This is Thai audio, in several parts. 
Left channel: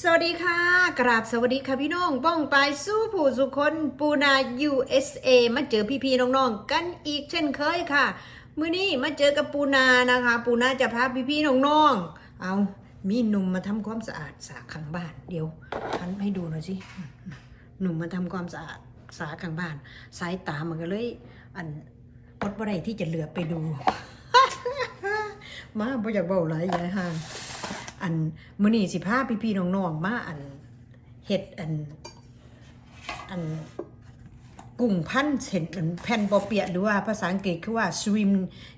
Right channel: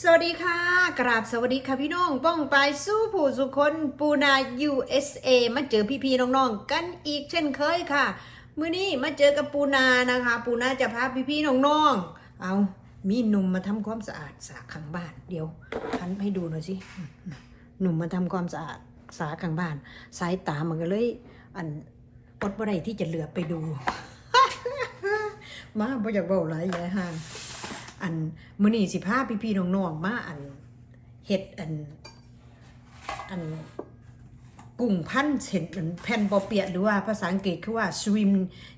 สวัสดีค่ะ กราบสวัสดีค่ะพี่น้องป้องไปสู้ผู้สุคนปูนา USA มาเจอพี่ๆน้องๆกันอีกเช่นเคยค่ะ มื้อนี้มาเจอกับปูนานะคะ ปูนาจะพาพี่ๆน้องๆเอามีหนุ่มมาทำความสะอาดสาข้างบ้าน เดี๋ยวหันให้ดูหน่อยสิหนุ่มมาทำความสะอาดสาข้างบ้าน สายตามันก็เลย อันอดบ่ได้ที่จะเหลือไปดู มาบ่อยากเบาหลายยายห่าง อันมื้อนี้สิพาพี่ๆน้องๆมาอันเฮ็ดอัน อันกุ้งพันเส้นแผ่นปอเปียหรือว่าภาษาอังกฤษคือว่า swim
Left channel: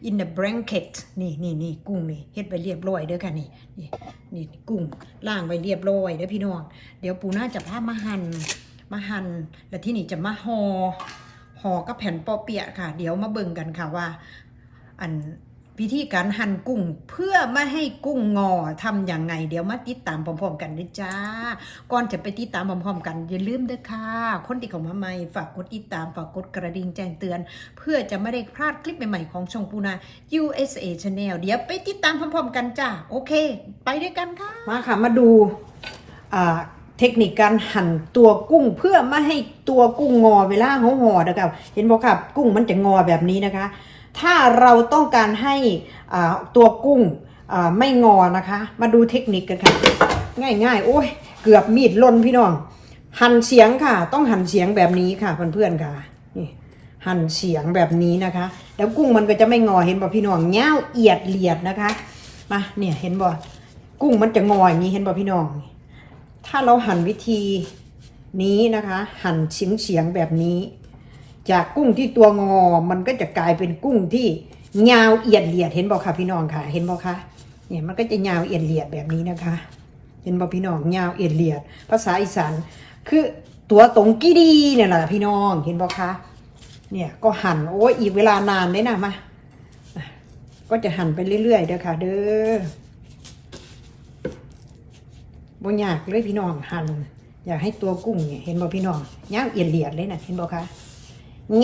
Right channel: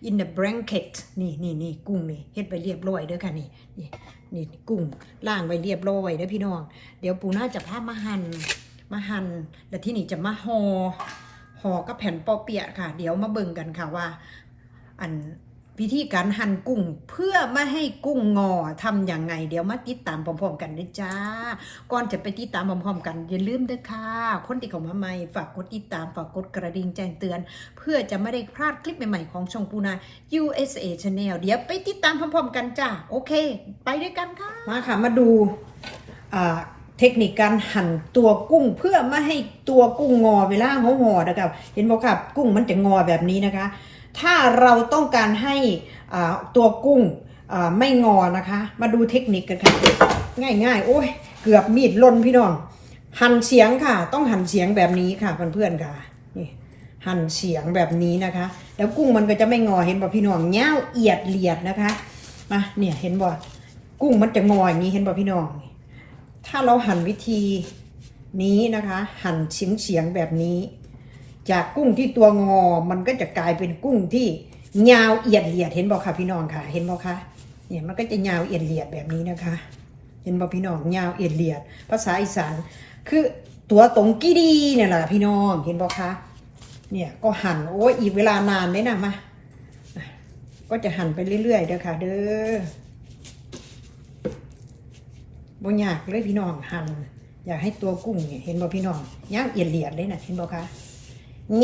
in the blanket นี่นี่นี่กุ้งนี่เฮ็ดไปเรียบร้อยเด้อค่ะนี่นี่นี่กุ้งล่างไว้เรียบร้อยเด้อพี่น้อง เดี๋ยวปูน่าจะพามาหั่นมาหั่นแล้วที่นี่จะมาห่อห่อกับแผ่นปอเปียค่ะ เดี๋ยวมาเบิ่งกันค่ะว่า อัน วิธีการหั่นกุ้งเพื่อไม่ให้กุ้งงอทำอย่างไง เดี๋ยวมาติดตามพร้อมๆกันด้วยจ้า ก่อนจะไปติดตามพร้อมๆกันอย่าลืมด้อค่ะ คนที่เข้ามาใหม่ฝากกดติดตามฝากกดกระดิ่งแจ้งเตือน เพื่อจะไม่ได้พลาดคลิปใหม่ๆของช่องปูนา USA Channel เดี๋ยวไปติดตามพร้อมๆกันจ้า โอเค ไปด้วยกันค่ะ มาค่ะมาดูเทคนิคการหั่นตัวกุ้งเพื่อไม่ให้ตัวกุ้งงอเวลาเขางอนะครับเห็นบอกครับกุ้งมันจะงอแบบนี้นะคะ ถ้าเราต้องการให้ตัวกุ้งไม่งอนะคะ มาดูเทคนิคกันค่ะ ง่ายๆ โอ้ยเกือบมีดล่นพี่น้อง หั่นเสียงค่ะ ต้องหั่นเสียงแบบนี้ค่ะเพื่อนๆค่ะนี่หั่นเสียงแบบนี้นะคะ แล้วกุ้งมันก็จะไม่งอเห็นบ่พี่น้องเงาวเอียดเลียดนะคะมาเนี่ยเห็นบ่กุ้งมันจะงออย่างนี้เห็นบ่พี่น้อง ถ้าเราหั่นวิธีนี้นะคะ หั่นเฉียงเฉียงๆแบบนี้ จากกุ้งที่ตัวงอ มันก็จะกลายเป็นกุ้งที่ยาวเอียดเลียดเห็นบ่คะพี่น้องค่ะ เห็นบ่คะเนี่ยมันก็จะยาวเอียดเลียดแบบนี้นะคะ เห็นบ่พี่น้องยาวเอียดเลียด ภาษาอีสานคือตัวตรงกี้ดีเนี่ยแหละพี่น้องเห็นบ่คะเนี่ยก็หั่นโอ้ยอีกเวลานานเลยนะมาก็จะหั่นไปเรื่อยๆเด้อค่ะ เด้อบ่ยากเลยพี่น้องหั่นอยากให้ตัวกุ้งเนี่ยเห็นบ่พี่น้องยาวเอียดเลียดเลยนะเห็นบ่คะ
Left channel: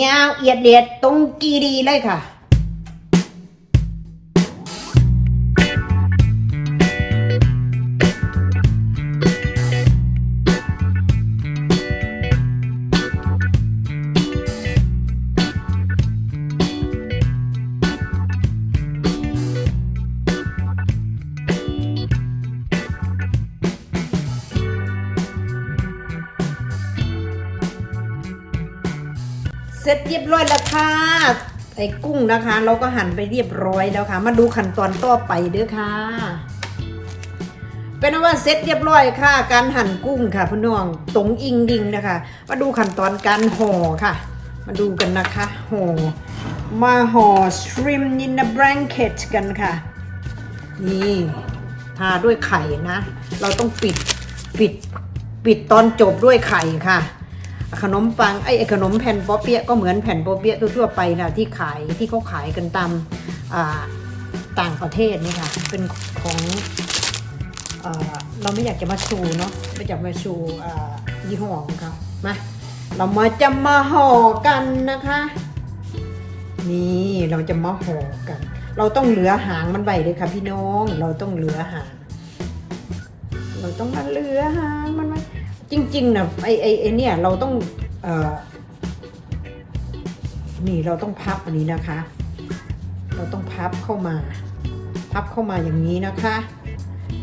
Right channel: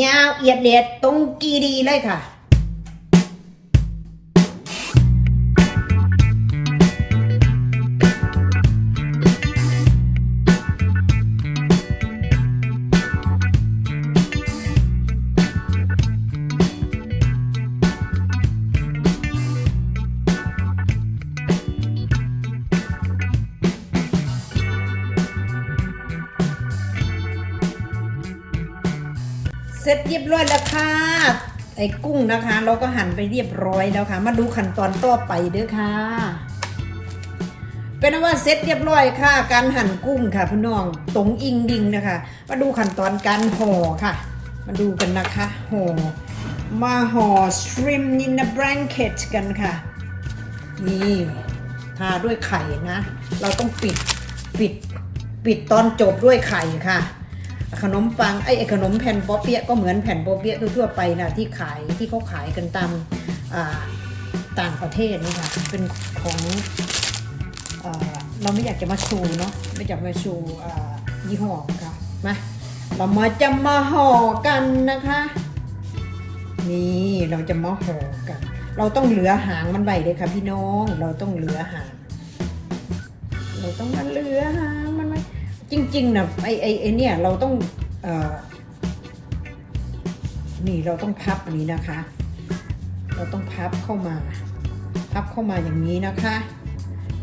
ยาวเอียดเลียดตรงกีดีเลยค่ะ ร็จเรียบร้อยแล้วค่ะไอ้กุ้งนะคะ เราก็หั่นไปเรียบร้อยแล้วค่ะ มาดูขั้นตอนต่อไปเด้อค่ะ เป็นว่าเสร็จเรียบร้อยค่ะ การหั่นกุ้งค่ะพี่น้องตรงอิงดิงนะคะ มาดูขั้นตอนการห่อค่ะ มาดูกันนะคะห่อมาห่อ shrimp in a blanket กันค่ะนี่ทาด้วยไข่นะ เราต้องปิดปิดปิดตอนจบด้วยไข่ค่ะ ขนมปังไอ้ขนมแผ่นปอเปี๊ยะก็เหมือนแผ่นปอเปี๊ยะทั่วไปค่ะที่ขายที่เขาขายกันตามต่างประเทศนี่ค่ะเป็นของเอ่อเราไม่อยากจะมาชูเนาะไม่อยากมาชูยี่ห้อของเขามาเรามาจะมาห่อกันนะคะ นี่เราจะมาห่อกัน เราต้องเหลือหางมันไว้เลยค่ะพี่น้อง เราต้องเหลือหาง เราต้องมาเหลือหาง จริงๆนะไอไอไอเนี่ยเราต้องเอ่อนี่เราต้องพับอันนี้นะคะ เราต้องพับเข้ามา พับเข้ามาอย่างนี้นะคะ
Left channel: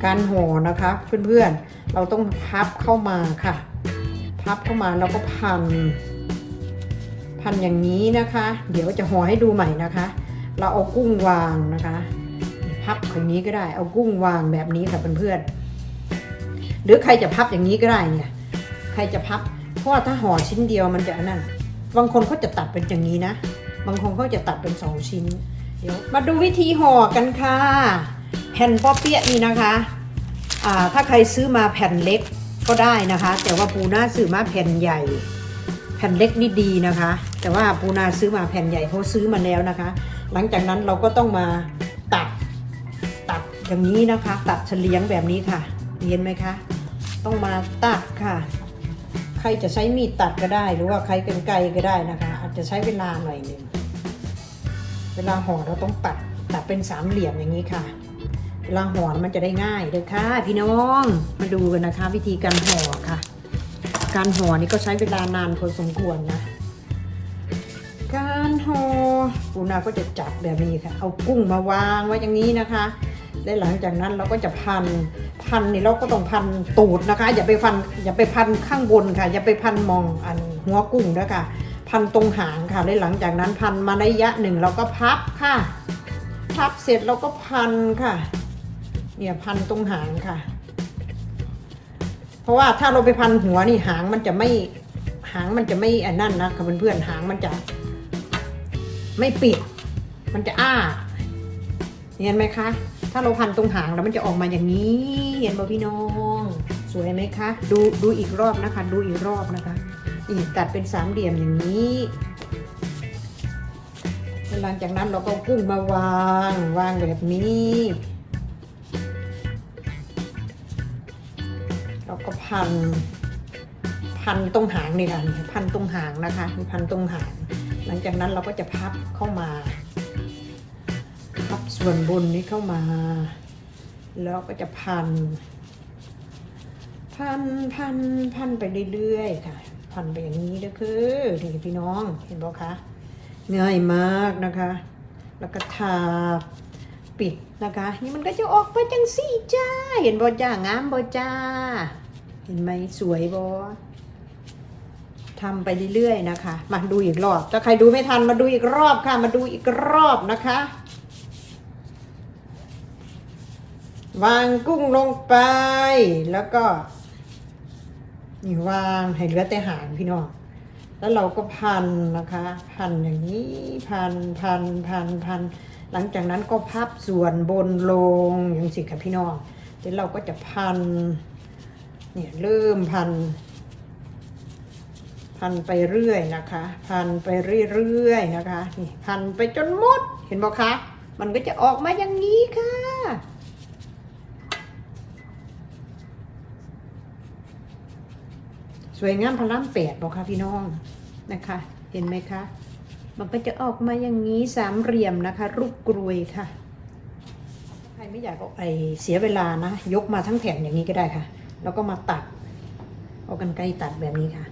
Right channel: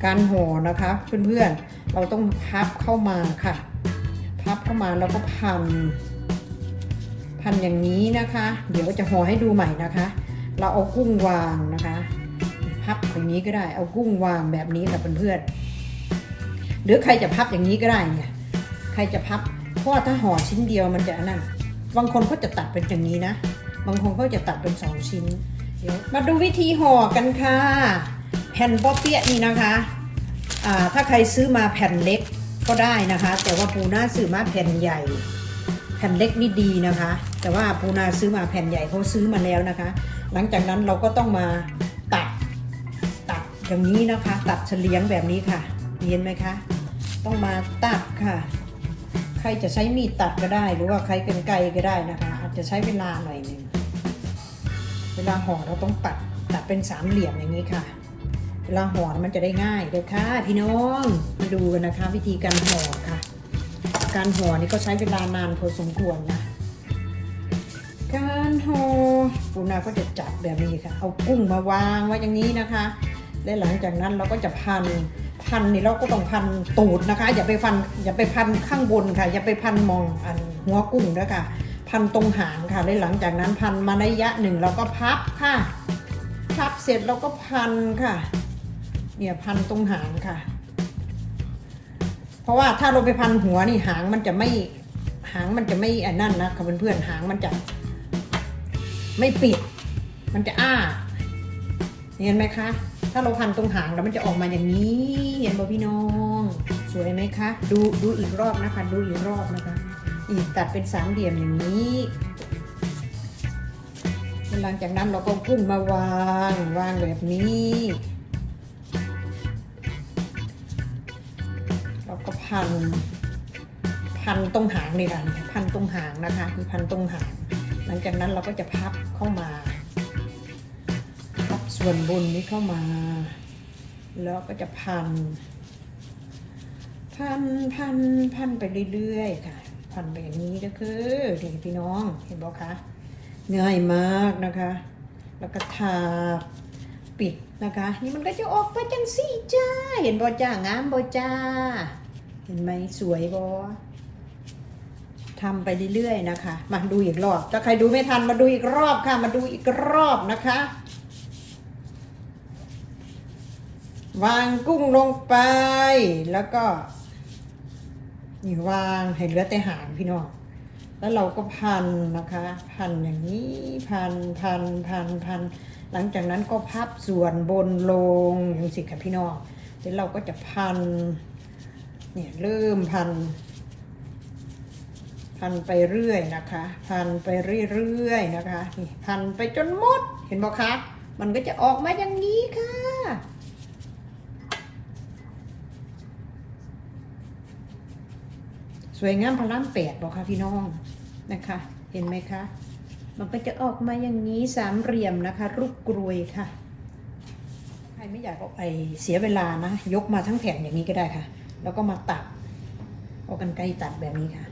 การห่อนะคะเพื่อนๆเราต้องพับเข้ามาค่ะ พับเข้ามาแล้วก็พัน พันอย่างนี้นะคะ เดี๋ยวจะห่อให้ดูใหม่นะคะ เราเอากุ้งวางนะคะ พับอย่างนี้ก็ได้ เอากุ้งวางแบบนี้ค่ะเพื่อนๆหรือใครจะพับอย่างนี้ก็ได้เนี่ย รจะพับเพราะถ้าห่อชิ้นเดียวมันจะอันนั่นบางคนเขาจะตัดเป็นอย่างนี้นะ บางคนเขาจะตัดเป็นสองชิ้น เดี๋ยวมาดูวิธีห่อกันค่ะ แผ่นป๊อเปี๊ยะนี่นะคะอ่าถ้าใครซื้อมาแผ่นเล็กก็ได้นะคะ แต่ว่าปูน่าซื้อมาแผ่นใหญ่ แผ่นเล็กนี่ดีนะคะ แต่ว่าปูนาซื้อมาแผ่นใหญ่เขาซื้อมาแล้วนะคะ หลังจากนั้นเราก็ต้องมาตัดตัดอย่างนี้นะคะ ตัดเฉลียงแบบนี้ค่ะเห็นไหมคะ ต้องมาตัดค่ะ รจะใช้มีดตัดก็ได้ หรือว่าใครกันไกก็ได้นะคะ อาจจะใช้เวลาหน่อยหนึ่งเวลาห่อเราต้องตัดตัดเป็นสามเหลี่ยมอย่างนี้ค่ะเวลาห่อมันจะได้ง่ายเด้อค่ะ พี่น้องมาดูกันนะคะ วิธีการห่อค่ะ การห่อนี่ก็ใช้เวลานานพอสมควรนะการห่อปูนาก็จะจับแบบนี้ค่ะ เอากุ้งมาวางไว้อย่างนี้นะคะ และหลังจากนั้นเราก็จะพัน พันนี่เราก็ต้องพันตูดนะคะ อย่าไปพันอย่าไปพันข้างบนค่ะ อย่าไปพันมองอันหัวกุ้งด้วยค่ะ พันตรงหางค่ะและหลังจากนั้นพันมาระยะหนึ่งเราก็พับค่ะ พับเสร็จเราก็พันค่ะ เนี่ยพันตรงหางค่ะ เพราะว่าถ้าเราไปพันหัวนี่หางมันจะไม่หางมันจะไม่อันนั่นนะค่ะเพื่อนๆหางมันจะไม่ปิด มันจะอ้าเห็นไหมคะาเราพันตรงหางแล้วมันจะออกมาอย่างนี้ เห็นไหมพี่น้อง สวยไหมคะ ดูดูอีกรอบนะคะ ดูอีกรอบนะคะอีกตัดเป็นสามเหลี่ยมอย่างนี้หลังจากนั้นเราก็กุ้งมาวางวางแบบนี้เราก็พันพันตรงหางนี่ค่ะพันตรงหางนะคะพันตรงหาง หลังจากนั้นเราก็จะพับเข้ามา ส่วนบนนี้เข้ามา แล้วก็จะพัน พันพันพันไปเรื่อยๆค่ะ พันไปอย่างนี้ก็คือนี่พี่น้องเห็นบอกคะง่ายมากนะคะ แล้วก็ทาปิดนะคะ นี่มันก็จะออกไปจังสี่จ้า เห็นบอจ้างามบอจ้า เห็นไหมสวยบอทำไปเรื่อยๆนะคะ มาดูอีกรอบ ถ้าใครดูไม่ทันมาดูอีกรอบค่ะ มาดูอีกรอบนะคะ วางกุ้งลงไป แล้วก็ นี่วางให้เหลือแต่หางพี่น้อง แล้วเราก็พันนะคะ พันอย่างนี้พันพันพันพัน หลังจากนั้นก็พับส่วนบนลงอย่างสิค่ะพี่น้องเดี๋ยวเราก็จะพัน เนี่ยเริ่มพัน พันไปเรื่อยนะคะ พันไปเรื่อยๆนะคะ นี่พันไปจนหมด เห็นบอกคะ มันก็จะออกมาอย่างนี้ค่ะ สวยงามพลังแปดบอกค่ะพี่น้องนะคะ เห็นไหมคะ มันก็จะออกมาอย่างนี้สามเหลี่ยมนะคะ รูปกรวยค่ะใครไม่อยากเอาไปเสียเวลานะยกมาทั้งแผ่นอย่างนี้ก็ได้ค่ะ แล้วก็มาตัดเอากันไกรตัดแบบนี้ค่ะ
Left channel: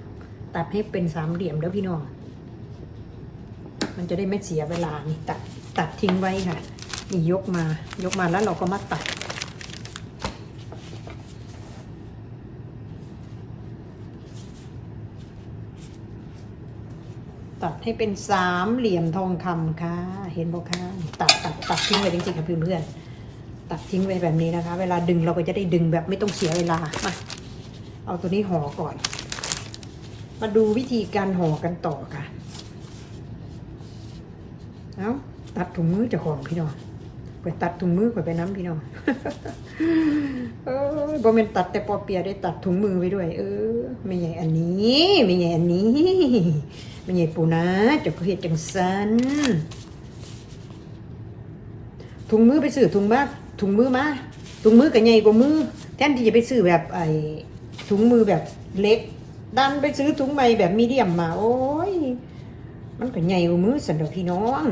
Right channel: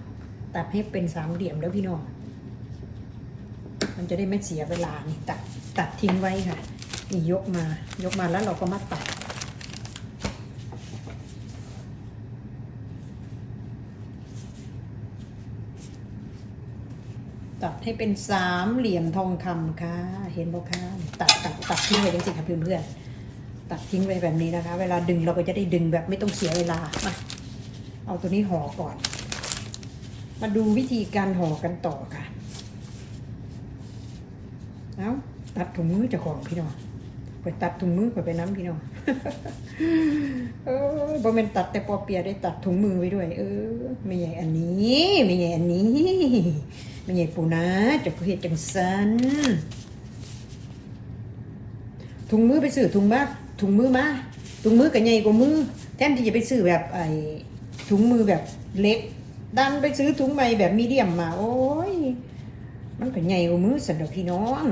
ตัดให้เป็นสามเหลี่ยมแล้วพี่น้อง มันจะได้ไม่เสียเวลานี่ตัดตัดทิ้งไว้ค่ะนี่ยกมายกมาแล้วเราก็มาตัด ให้เป็นสามเหลี่ยมทองคำค่ะ เห็นบ่คะตัดตัดตัดทิ้งไว้จริงๆค่ะเพื่อนๆตัดทิ้งไว้แบบนี้นะคะ เวลาดึงเราก็จะได้ดึงแบบไม่ต้องเสียเวลาอะเอาตัวนี้ห่อก่อน มาดูวิธีการห่อกันต่อค่ะ เอาตัดถุงมือจะห่อพี่น้อง ไปตัดถุงมือไปไปน้ำพี่น้องเออบ่เป็นตัดแต่ปอเปียได้ตัดถุงมือไว้ด้วย เออไม่ใหญ่อันนี้ไม่ใหญ่อันนี้ไม่ใหญ่ปูนะจะก็เห็ดจังสันถุงมือไปซื้อถุงมาถุงมือมาถุงมือกับใหญ่กว่ามือแทนที่จะไปซื้อแบบไอ้ถุงมือแบบเล็ก ดันไปซื้อถุงใหม่แบบมีเดียมมา โอ้ยมันก็ใหญ่กว่ามือสันดอกพี่น้อง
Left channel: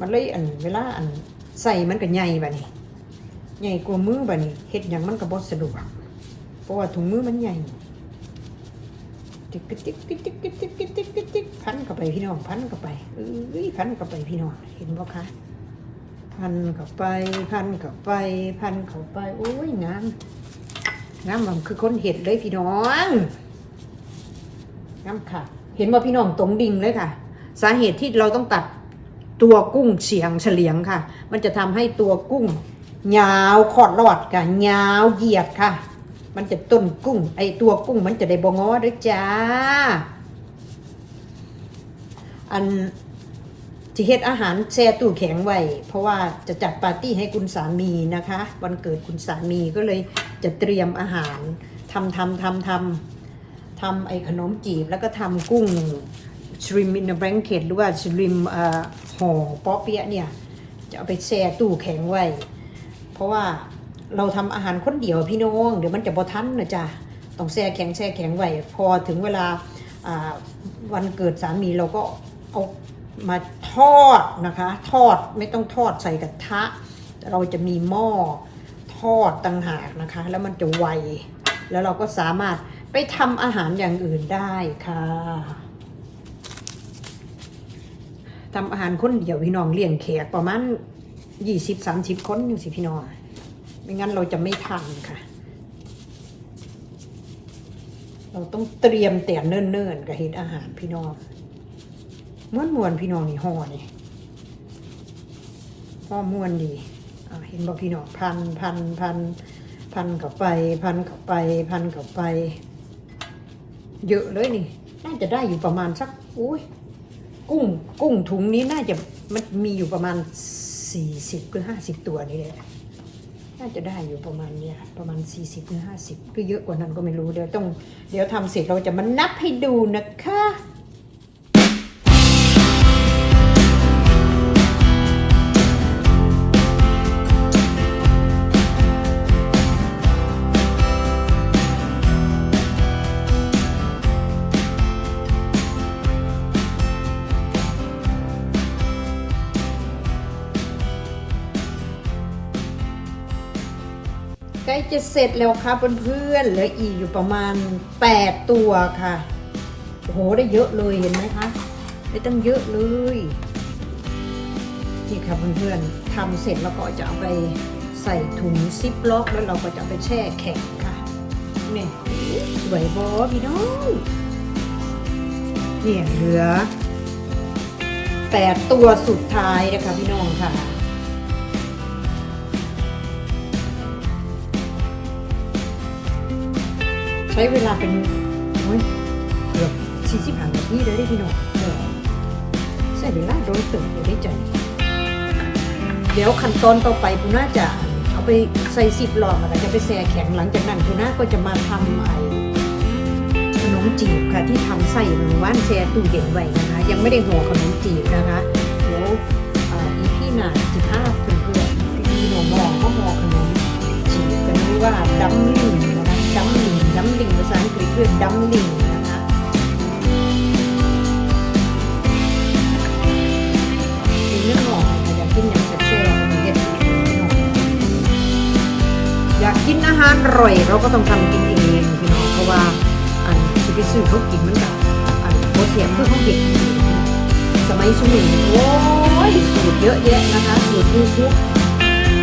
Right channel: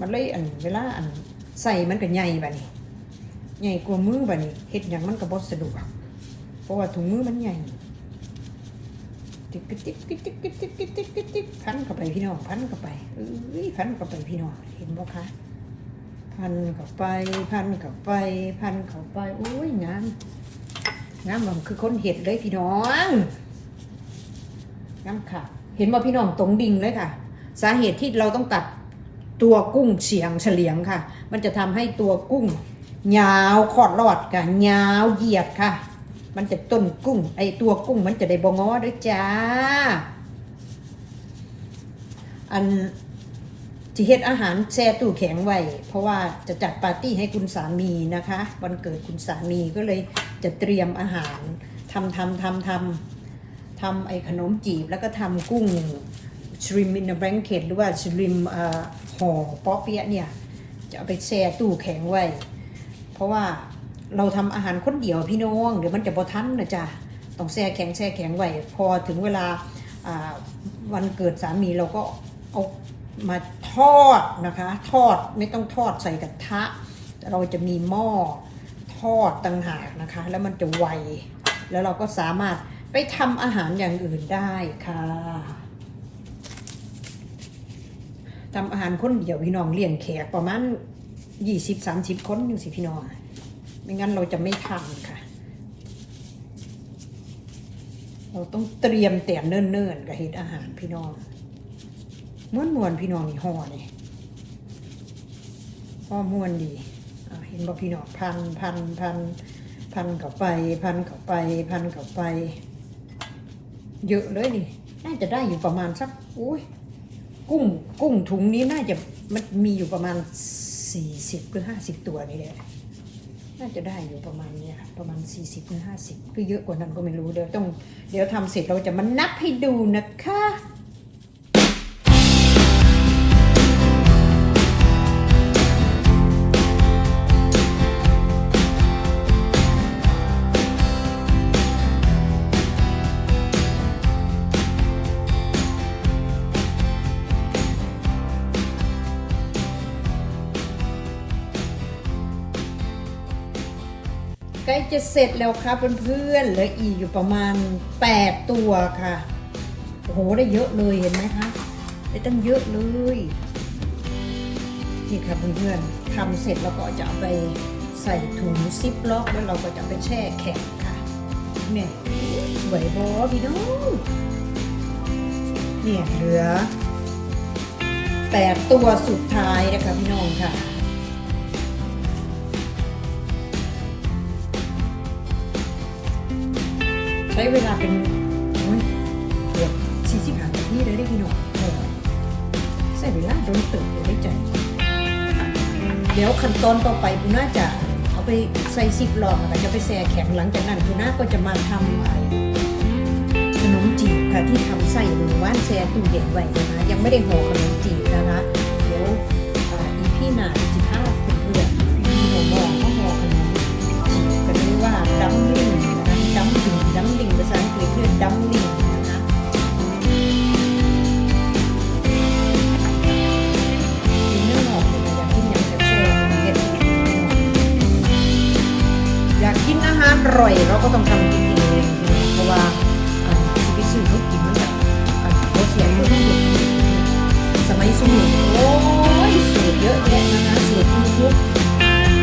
มันเลยอันเวลาอันใส่มันก็ใหญ่แบบนี้ใหญ่กว่ามือแบบนี้เฮ็ดหยังมันก็บ่สะดวกเพราะว่าถุงมือมันใหญ่ติ๊กติ๊กติ๊กติ๊กติ๊กติ๊กติ๊กติ๊กติ๊กติ๊กพันเข้าไปพี่น้องพันเข้าไปเอ้ยพันเข้าไปพี่น้องเห็นบ่คะพันเข้าไปพันเข้าไปพันเข้าไปโอ้ยน้ำน้ำมันคือคนเห็ดเลยพี่น้องน้ำค่ะ เห็นว่าพี่น้องตรงดิ่งเลยค่ะ สาเหตุที่เราต้องตัด ตัวกุ้งเฉียงเฉลียงค่ะ มันจะทำให้ตัวกุ้งยาวขอดรอดกันยาวเหยียดค่ะ มันจะต้นกุ้ง ไอตัวกุ้งมันจะได้บงอด้วยจ้า อันจะเฮ็ดอาหารแช่ตู้แข็งไว้เพราะว่าจะจัดปาร์ตี้ให้คุณสามีนะคะ วันเกิดคุณสามีก็เลยจะเตรียมอาหารทำทำทำทำทำไอขนมจีบแล้วก็ทำกุ้ง ชริม in a blanket หรือว่าชริมห่อป๊อเปียะเนี่ย จะเอาไปแช่ตู้แข็งไว้ เพราะว่าเราทำอาหารคนเดียวพี่น้องเดี๋ยวมันจะบ่ทันนะจ๊ะต้องแช่แข็งแช่แข็งไว้ พอถึงเวลาอ่าวันเกิดสามีเราก็เอามาทอดนะคะ ทอดไม่ต้องทอดใส่กระทะ เราจะมีหม้อทอดต่างหากนะคะ แล้วมันจะไว แล้วเราก็สามารถไปทำอาหารอย่างอื่นได้ค่ะ ทำอาหารคนเดียวพี่น้องเลี้ยงแขกประมาณยี่สิบสามสิบคนยังสิพี่น้องไม่งั้นเราจะไม่ทำค่ะ เราต้องเตรียมแต่เนิ่นๆกับเฮ็ดอาหารพี่น้องม้วนมวนพี่น้องนี่ห่อนี่ห่อม้วนดีเห็นบอกพี่น้องพันพันพันพันเข้าไป พันเข้าไป พันเข้าไป เยอะเลยนี่ น่าจะได้อยู่ประมาณสักอุ้ย กุ้งกุ้งถุงนี้น่าจะมันมีอยู่ประมาณสี่สิบหรือห้าสิบตัวนี่แหละน่าจะได้อยู่ประมาณเนี้ยประมาณ40ถึง50ก็เยอะกว่านั้นก็ไม่รู้เดี๋ยวต้อง เดี๋ยวทำเสร็จเราจะมานับให้ดูนะคะ จะเสร็จแล้วครับเพื่อนๆเหลืออีกอยู่ประมาณ 8 ตัวค่ะ โอ้โหได้เยอะเลยเห็นไหมคะได้ตั้งเยอะเลยนี่ค่ะเพื่อนๆทำเสร็จแล้วก็จะไปใส่ถุงซิปล็อกแล้วเราก็จะไปแช่แข็งค่ะเนี่ยสวยบอพี่น้องเนี่ยเหลือ 8 ตัวสุดท้ายนะคะพี่น้องค่ะ ช้เวลาเป็นโอ้ยเกือบสี่สิบห้านาทีเลยได้พี่หนุ่มเออใช้เวลาโดยตรงเดี๋ยวได้ใจเดี๋ยวขั้นตอนต่อไปคุณน่าจะเอาไปใส่ซิปหลอดแล้วจะไปแช่แข็งหลังจากนั้นคุณน่าก็จะมาทำไอ้ขนมจีบค่ะที่ทำใส่หนึ่งว่านแช่ตู้เย็นไว้นะคะยังไม่ได้หัวขนมจีบนะคะ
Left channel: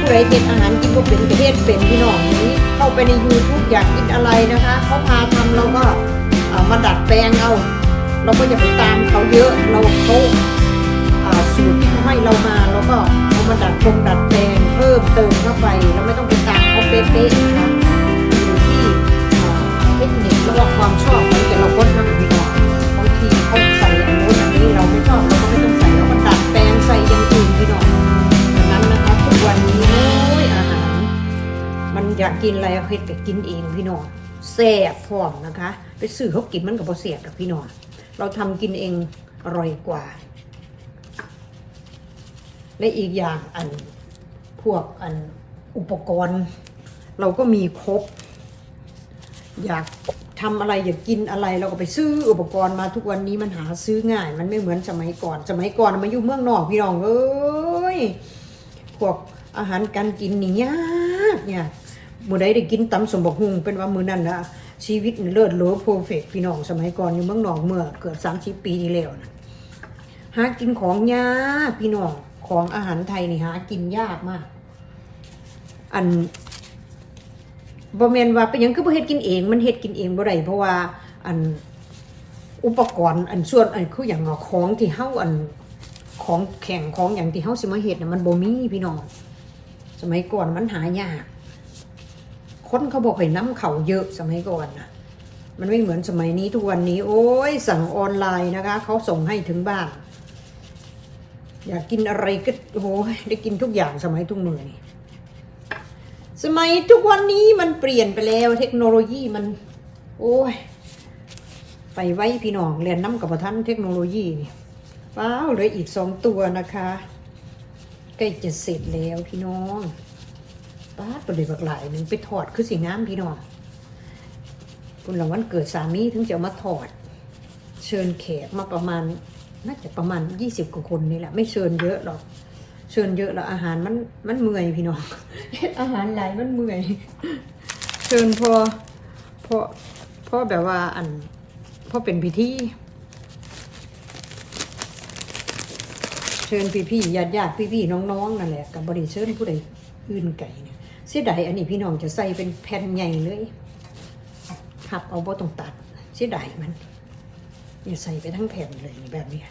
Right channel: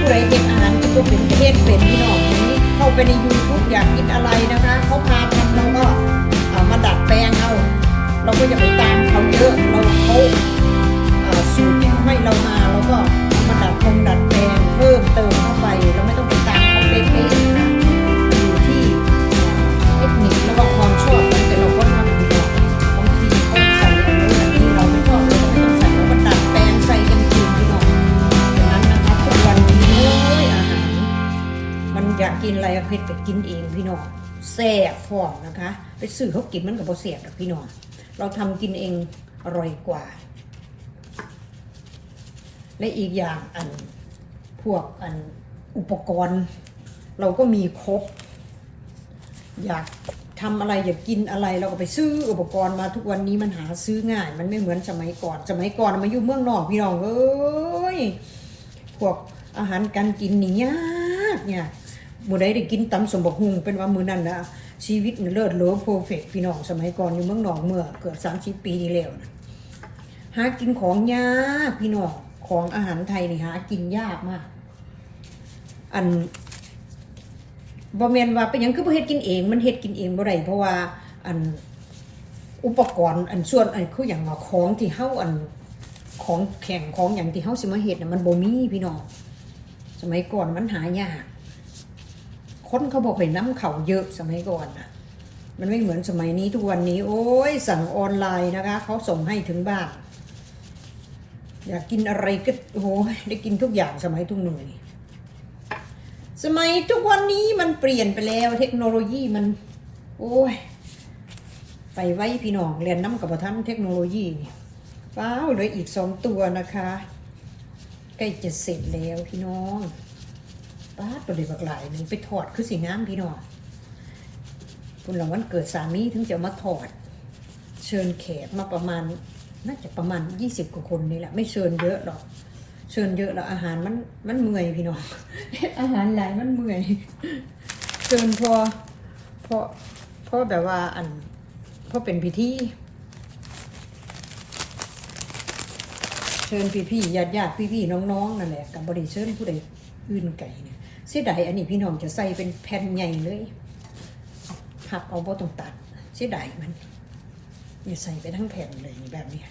ผู้ใดเป็นอาหารที่ก็เป็นประเทศเป็นพี่น้องนี้เข้าไปในยูทูบอยากกินอะไรนะคะ เขาพาทำแล้วก็เอามาดัดแปลงเอาเราก็อยากไปตามเขาเยอะเราเขาอ่าสูตรที่เขาให้เรามาแล้วก็เอามาดัดปรุงดัดแปลงเพิ่มเติมเข้าไปเราไม่ต้องไปตามเขาเป๊ะๆ กินอะไรเฮ็ดก็กินเองพี่น้องแซ่บพร้อมนะคะ ไปซื้อเขากินมันกับบ่แซ่บหรอกพี่น้องเราทำกินเองอร่อยกว่า และอีกอย่างอันพวกอันอุปกรณ์ เราก็มีครบ อยากทำอะไรอยากกินอะไรเราก็ไปซื้ออุปกรณ์มาทุกวันนี้มันหาซื้อง่าย มันไม่เหมือนสมัยก่อน สมัยก่อนมาอยู่เมืองนอกพี่น้องเอ้ยพวกอาหารการกินนี่ยากเนี่ย มื่อใดได้กินตำสมบักหุงเป็นว่ามือนั่นนะชีวิตเลิศโลโพเฟกพี่น้องสมัยก่อนอยู่เมืองนอกเมื่อเกิดสามสิบปีที่แล้วนะหากินของยากพี่น้องของอาหารไทยนี่หากินยากมาก อันบ่แม่นว่าเป็นยังคือบ่เฮ็ดกินเอง มันเฮ็ดกินเองบ่ได้เพราะว่าอันอุปกรณ์อันส่วนอันคืออย่างของที่เฮาอันของแข็งของอย่างที่เฮาสิมาเฮ็ดน่ะมันบ่มีพี่น้องสมัยก่อนมันหายาก คนเขาบอกให้น้ำเขาเยอะสมัยก่อนนะมันไม่เหมือนสมัยนี้ทุกวันนี้ โอ้ยสั่งออนไลน์นะคะเขาส่งให้ถึงบ้านอยากกินอะไรก็โอ้ยได้กินทุกอย่างสมัยทุกมือนี่สมัยทุกวันนี้มันเปลี่ยนไปแล้วเทคโนโลยีมัน โอ้ยไปไว้พี่น้องเรียนน้ำกับท่านเทคโนโลยีนี่ว้าวเหลืออีกสองตัวนะคะใกล้จะเสร็จแล้วพี่น้อง ป้าตัวเลยบักหลายหนึ่งไปถอดคือสีน้ำพี่น้องคุณหลังวันเกิดสามีถึงจะมาถอด เชิญแขกมาประมาณน่าจะประมาณยี่สิบกว่าคนนี่แหละ ไม่เชิญเยอะหรอก เชิญเยอะแล้วอาหารมันมันเมื่อยพี่น้อง อาหารหลายมันเมื่อย เชิญพอพอพอแบบว่าอันพอเป็นพิธีเชิญพี่พี่ญาติญาติพี่พี่น้องๆนั่นแหละกับบริเชิญผู้ใดอื่นไก่เนี่ย เสียดายอันนี้พี่น้องจะใส่เป็นแผ่นใหญ่เลยหักเอาบ่ต้องตัดเสียดายมันอย่าใส่ไปทั้งแผ่นเลยนี่แบบนี้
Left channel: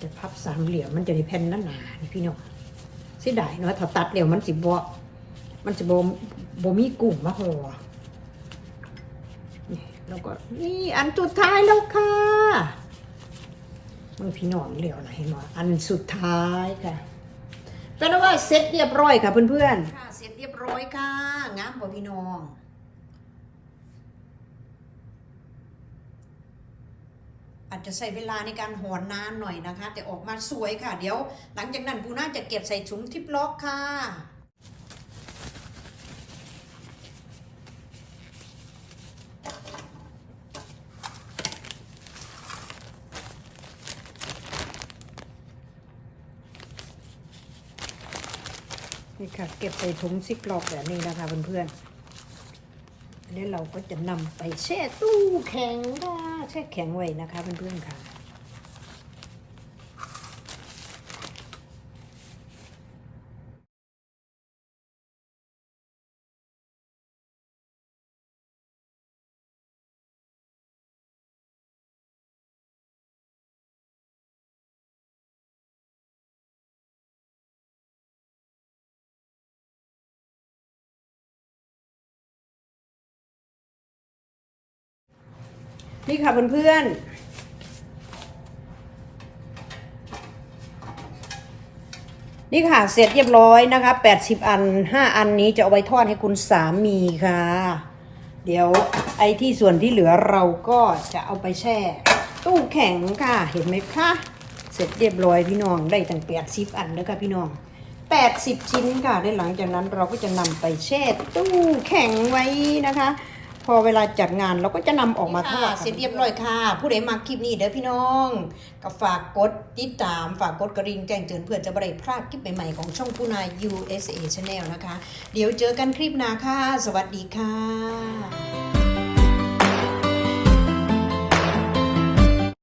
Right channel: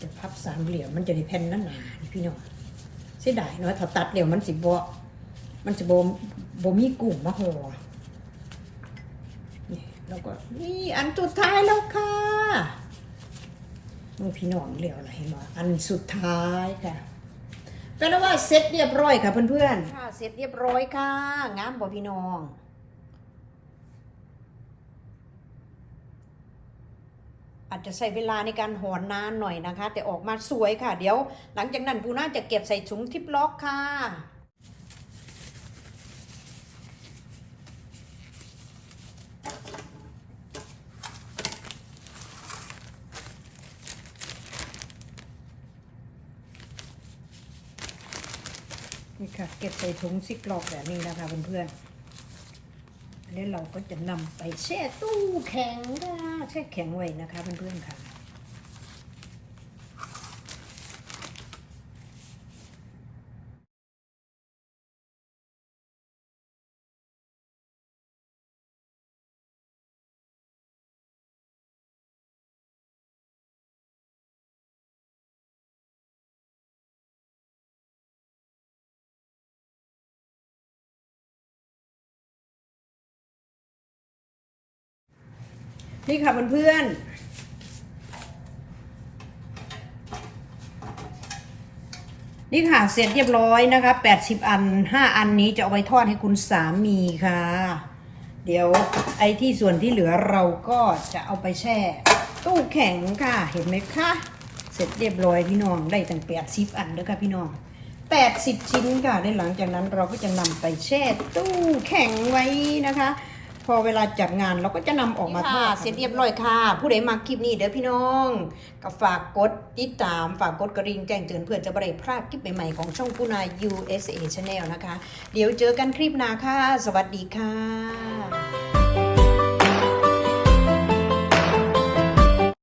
จะพับสามเหลี่ยมมันจะได้แผ่นหนาๆนี่พี่น้องเสียดายเนาะถ้าตัดเดี๋ยวมันสิบ่มันสิบ่บ่มีกลุ่มมาห่อนี่แล้วก็นี่อันสุดท้ายแล้วค่ะมันพี่น้องเรียกอะไรเนาะอันสุดท้ายค่ะ ก็นว่าเสร็จเรียบร้อยค่ะเพื่อนๆค่ะเสร็จเรียบร้อยค่ะงามบ่พี่น้อง อาจจะใช้เวลาในการหอนนานหน่อยนะคะ แต่ออกมาสวยค่ะ เดี๋ยว หลังจากนั้นปูน่าจะเก็บใส่ถุงทิปล็อกค่ะ ก็บใส่ถุงซิกล็อกแบบนี้นะคะเพื่อนๆแล้วเราก็จะนำไปแช่ตู้แข็งค่ะแช่แข็งไว้นะคะเพื่อนๆค่ะ นี่ค่ะเพื่อนๆ นี่ค่ะเสร็จเรียบร้อยนะคะ80อัน5อันนี้จะเอาไว้ทอดให้คุณสามีค่ะ เดี๋ยวไอ้ที่ส่วนที่เหลือเราก็จะเอาไปแช่ ตู้แข็งค่ะเห็นไหมคะเสร็จเรียบร้อยพี่น้องได้ตั้ง80อันแล้วค่ะพี่น้อง80ชิ้นค่ะในหลังจากนั้นเราก็จะนำไปแช่ตู้แข็งไว้นะคะ พอเวลาจัดงานเราก็จะนำออกมาทอดเสร็จเรียบร้อยค่ะ ผู้ใดมาคลิปนี้เด้อพี่น้องก็ฝากกดติดตามฝากกดกระดิ่งแจ้งเตือนเพื่อจะไม่ได้พลาดคลิปใหม่ๆของช่องปูนา USA Channel นะคะ เดี๋ยวเจอกันคลิปหน้าค่ะ สวัสดีค่ะ